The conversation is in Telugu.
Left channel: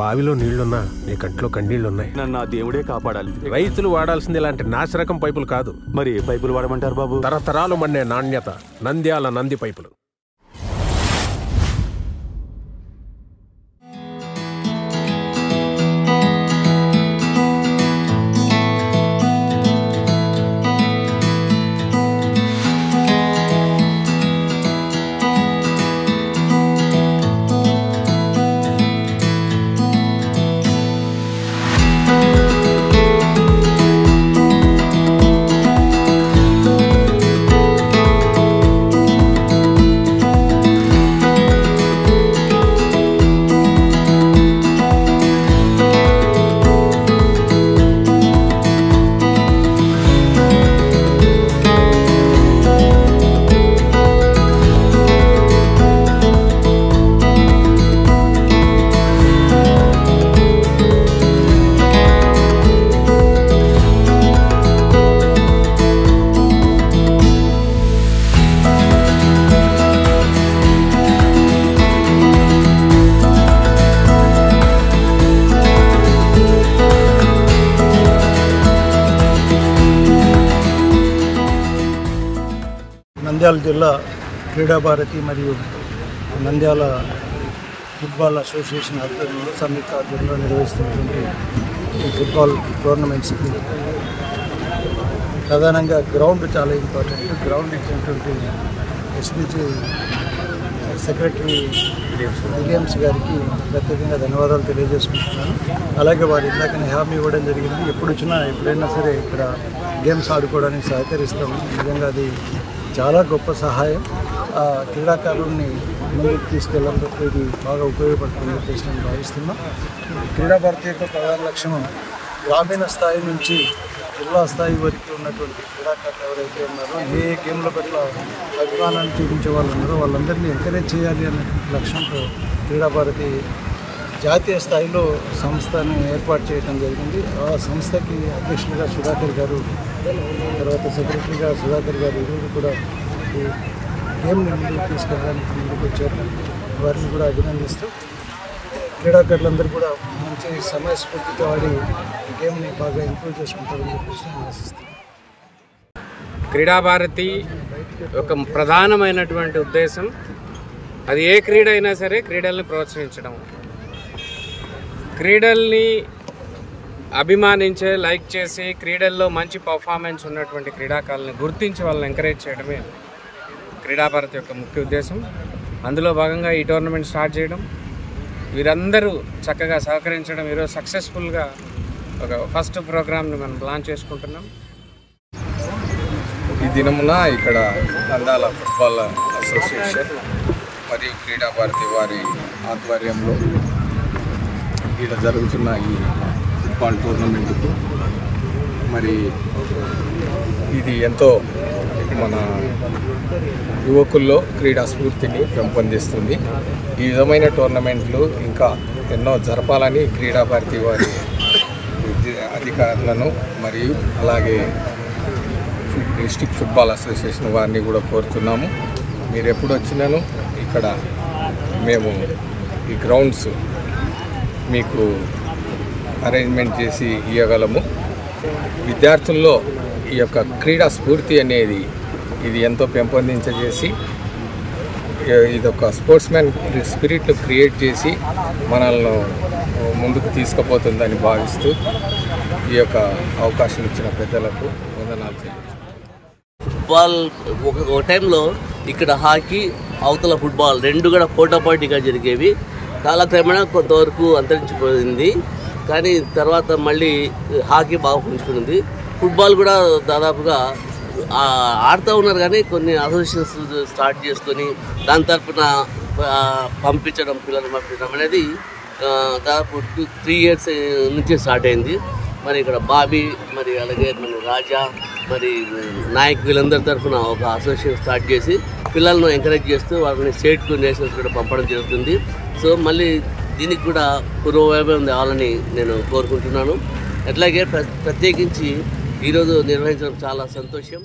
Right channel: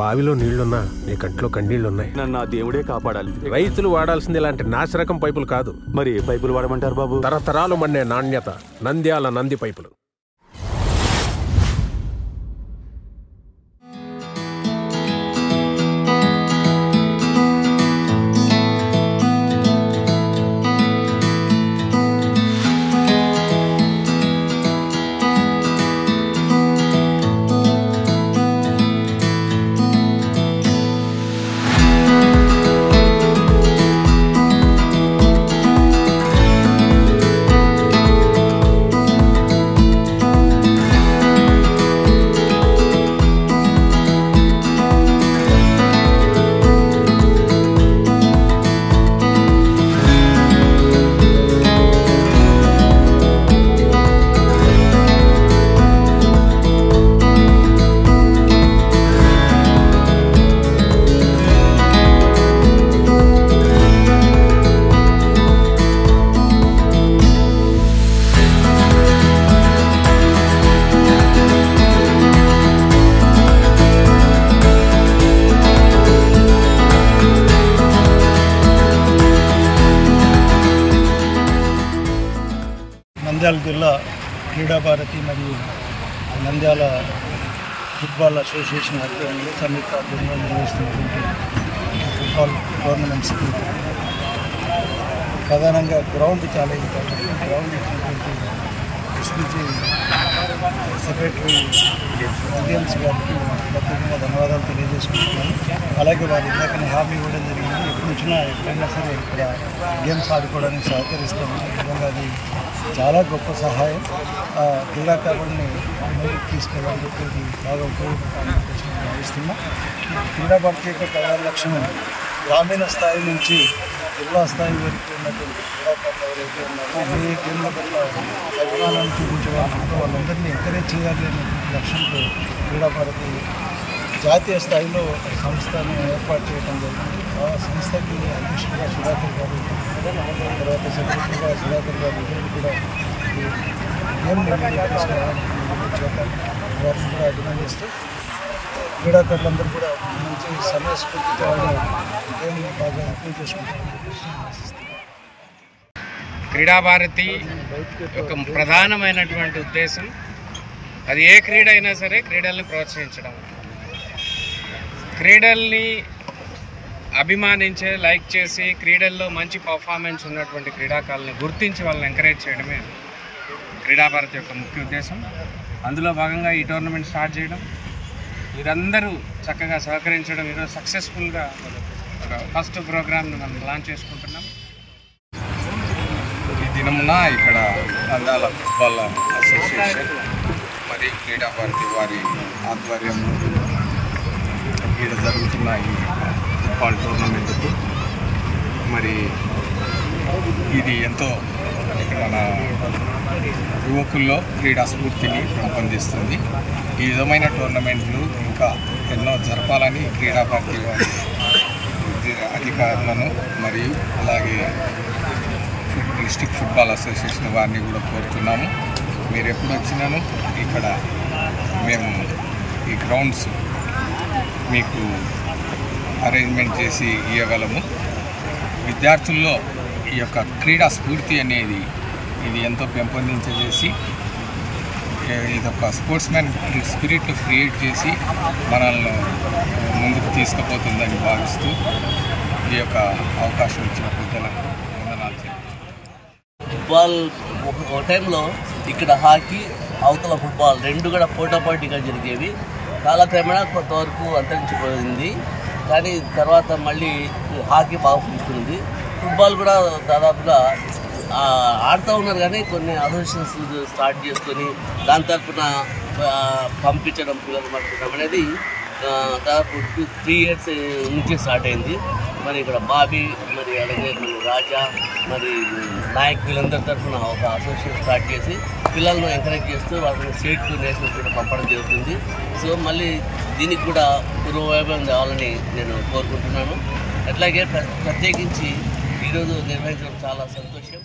బావిలో నీళ్లున్నా నీ కంట్లో కన్నీళ్లున్నాయి. నన్ను ఆ దేవుడే కాపాడాలి. రైతులు వాడాల్సింది ఇలాంటి నాసిరకం పైపులు కాదు. మరి ఏ పైపులు వాడమంటారు బాబు? తరతరాలు మన్నే నాణ్యత నంద్యాల నంది పైపులు. నంద్యాల జిల్లా క్రీడా భారతి మరియు నంద్యాల ఫుట్బాల్ అసోసియేషన్ ఆధ్వర్యంలో సంయుక్త ఆధ్వర్యంలో నిర్వహిస్తున్నటువంటి ఈ ఫుట్బాల్ టోర్నమెంట్స్కి ప్రధానంగా గ్రౌండ్ చాలా ఇంపార్టెంట్. గ్రౌండ్ ఇచ్చినటువంటి ఎస్పీజీ సెక్రటరీ విలియమ్స్ గారికి ప్రత్యేకంగా ధన్యవాదాలు తెలియజేసుకుంటున్నాను. అలాగే వారు ఇందాకనే హామీ ఇవ్వడం జరిగింది, ఎప్పుడైనా సరే ఇక్కడ గేమ్స్ ఆడుకోవడానికి సహకరిస్తామని. నిజంగా అది చాలా గొప్ప సహాయం. క్రీడాకారులని ముందుకు తీసుకెళ్ళాలని ఇది బాగా ఉపయోగపడుతుందని చెప్పేసి నేను భావిస్తున్నాను. క్రీడా భారతి యొక్క ప్రధాన లక్ష్యం గ్రామీణ స్థాయి నుంచి జిల్లా స్థాయి వరకు ఉన్నటువంటి క్రీడాకారులు ఎవరైతే ఉన్నారో, ఏ గేమ్ల పట్ల అభిమానాన్ని చూపించే వాళ్ళు ఉన్నారో వాళ్ళందరినీ ఎంకరేజ్ చేయాలి అనే లక్ష్యంతో క్రీడా భారతి జాతీయ స్థాయిలో సంస్థను ఏర్పాటు చేయడం జరిగింది. ఆ సంస్థకి అధ్యక్షులుగా సుధాకర్ గారు, తర్వాత సెక్రటరీగా సుధాకర్ గారు ఇరువురు కూడా ఈ గేమ్ని ముందుకు తీసుకెళ్ళడానికి ముందుకు వచ్చారు. వారిని కూడా అభినందిస్తూ క్రీడాకారులందరూ కూడా మంచి సమయస్ఫూర్తితో ఆడి ఈ గేమ్ని బాగా ఇంప్రూవ్ చేసుకుంటారని చెప్పేసి నేను ఆశిస్తున్నాను. క్రీడా భారతి ఒక ప్రధానమైనటువంటి ఉద్దేశం, అది ఏ క్రీడ అయినా సరే క్రీడల్ని ప్రోత్సహించడం, క్రీడల్ని అభిమానించే, లైక్ చేసి క్రీడల్లో మంచి పర్ఫార్మెన్స్ ఉన్నటువంటి క్రీడాకారులను గుర్తించి వాళ్ళని ఎంకరేజ్ చేయడమే క్రీడా భారతి యొక్క ముఖ్య ఉద్దేశం. అందులో భాగంగా ఈ టోర్నమెంట్ స్టార్ట్ చేయడం, వీరందరూ చక్కగా సహకరించడం, ఈరోజు సక్సెస్ఫుల్గా ఒక ఫస్ట్ ప్రోగ్రామ్ని మనం లాంచ్ చేసుకుంటున్నాం. ఈ దినమున ఇక్కడ నంద్యాల ఫుట్బాల్ అసోసియేషన్ మరియు క్రీడా భారతి వారి ఆధ్వర్యంలో ఇక్కడ జరుగుతున్న ఈ ఫుట్బాల్ టోర్నమెంట్కు మరి ఇది ఎంతో మన యువకుల్లో క్రీడా స్ఫూర్తిని పెంపొందిస్తుంది. ఈ విధమైన టోర్నమెంట్లు ఇంకా ఎన్నో జరపాలని క్రీడా భారతి వారి అధికారులను మరియు అలాగే డిస్ట్రిక్ట్ ఫుట్బాల్ అసోసియేషన్ వారిని కూడా కోరుతున్నాము. మీరు ఎప్పుడు వచ్చినాను ఇక్కడ మేము ఈ గ్రౌండ్స్ మీకు అరేంజ్మెంట్ చేసి ఇవ్వగలము. విద్యార్థుల్లో ఈ యొక్క క్రీడా స్ఫూర్తి అనేది ఇది ఎంతో పెంపొందించేసి ఇదొక స్పోర్ట్స్ మ్యాన్ స్పిరిట్ క్రియేట్ చేసి మనల్ని ముందుకు తీసుకుపోతుందని భావిస్తూ ఈ యొక్క అవకాశం ఇచ్చిన పెద్దలకు వందనాలు తెలియజేస్తున్నాను. ఫుట్బాల్ ఒక టైంలో ఇక్కడ హాకీ, అవతల ఫుట్బాల్ రెండు కూడా పోటాపోటీగా జరిగేవి. కాలక్రమేణా కొంతవరకు అంతరించిపోయింది, కానీ తర్వాత మళ్ళీ హాకీ బాగా పుంజుకుంది. ఫుట్బాల్ కూడా దాదాపుగా ఆడుతూ ఉన్నారు, కానీ కొన్ని అసోసియేషన్స్ స్టార్ట్ చేసుకొని దాని తరఫున పంపించడం, పిల్లలు పంపించడం అనేది దాదాపు 3 years నుంచే స్టార్ట్ అయింది. మరి ఇక్కడ బాబీ, మరి అలాగే మన రాజా, మరి నాయక్ వీళ్ళందరి తరఫున ఒక అసోసియేషన్ స్టార్ట్ చేసి పిల్లలను ఎంకరేజ్ చేస్తూ వాళ్ళని స్టేట్కు, నేషనల్స్ కూడా పంపడం జరుగుతుంది. సో మళ్ళీ దీనికి కూడా పూర్వవైభవం తేవాలని నేను కోరుకుంటున్నాను. అట్లాగే ప్రత్యేకించి ఈరోజు నిర్వహించడం చాలా సంతోషం.